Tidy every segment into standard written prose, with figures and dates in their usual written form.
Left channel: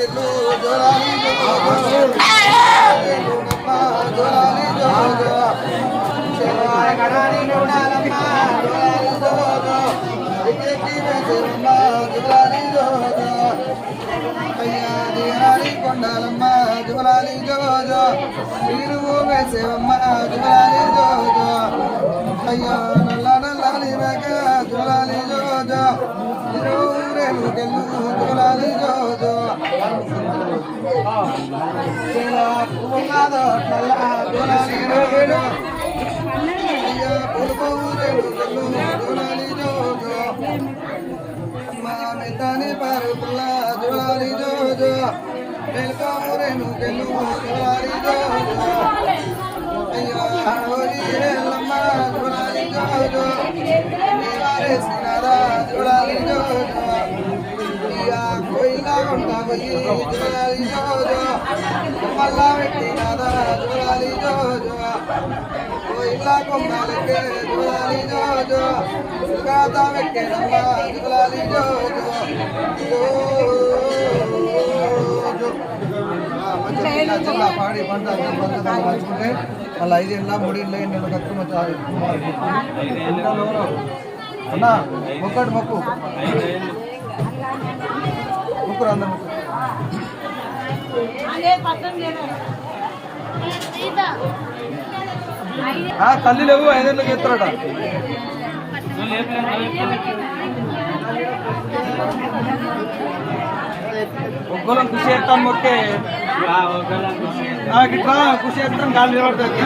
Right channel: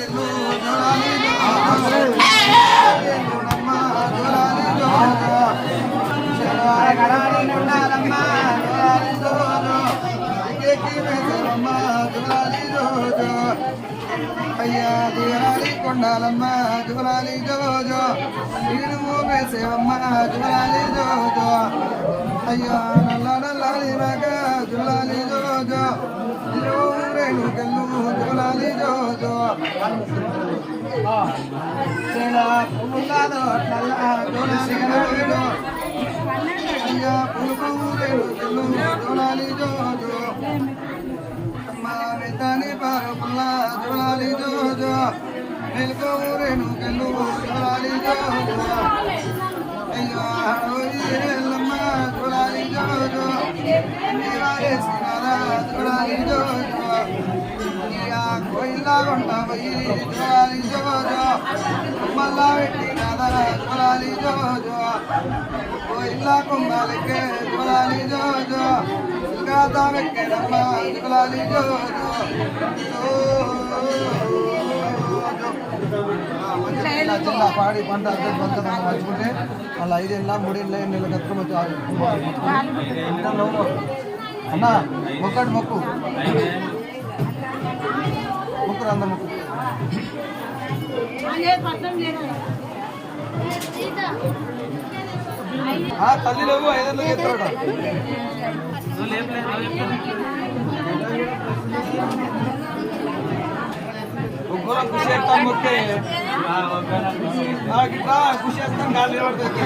కెళ్ళు జోలాలి జోలమ్మ జోలాలి జోజో గడాని గుడాలమ్మ జోలాలి జోజో ఎక్కి వేసేవమ్మ జోలాలి జోజో అయ్యా దేరాలి కొండాలమ్మ జోలాలి జోజో నీరు వేసేవమ్మ జోలాలి జోజో అయ్యా నల్ల నల్లాలి మగ జోలాలి జోజో రేణు కెళ్ళు జోలాలి జోజో చెలా పువ్వులాదో నల్ల జోలాలి జోజో అయ్యా పులుపు రేణు కెళ్ళు జోలాలి జోజో అమ్మ వెంటనే పారు పుల్ల జోలాలి జోజో మేల్కో రేణు కెళ్ళు జోలాలి జోజో అయ్యో ఎల్లమ్మ జోలాలి జోజో నీవారేసినారా జోలాలి జోజో ఇయా కోయిలా కొండ పోయి జోలాలి జోజో మల్లా పెట్టినారా జోలాలి జోజో కోయిలా కొమ్మాలకే జోలాలి జోజో సుగాతా వెక్కేనమ్మ జోలాలి జోజో మంచిగా చిన్న పాడి పంట నడుచుకుంటే అలా 5 ఏళ్ళ 3 ఏళ్ళ నీళ్ళు కట్టుకోవచ్చు అన్న మొక్కటి మొక్కు ముక్కురు అందరు తల్లి లేవు 5 ఏళ్ళకి ఎత్తారట ఒక్కరం ఖుషి చేస్తాం మొక్కే ఇట్లా ఖుషి చేస్తాం గాలి నిలబడుతుంది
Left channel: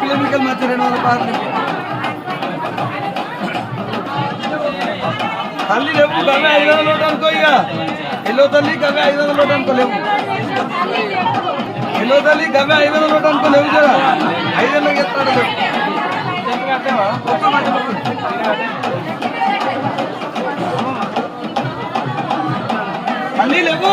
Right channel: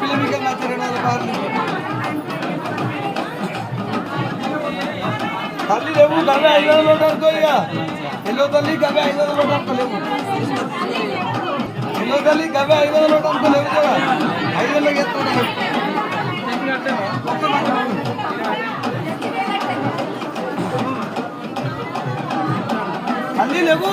పిల్లలకి మార్చి 200 పార్లు తల్లి లేవు గవ్వే 500 నోటు అనుకో ఇక ఎల్లో తల్లి గవ్వే 500 నోటు అనుకో లేవు ఎల్లో తల్లి గవ్వే 500 నోటు అనుకో లేవు కదా 5 ఏళ్ళకి ఎత్తాడు కట్టావా తల్లి లేవు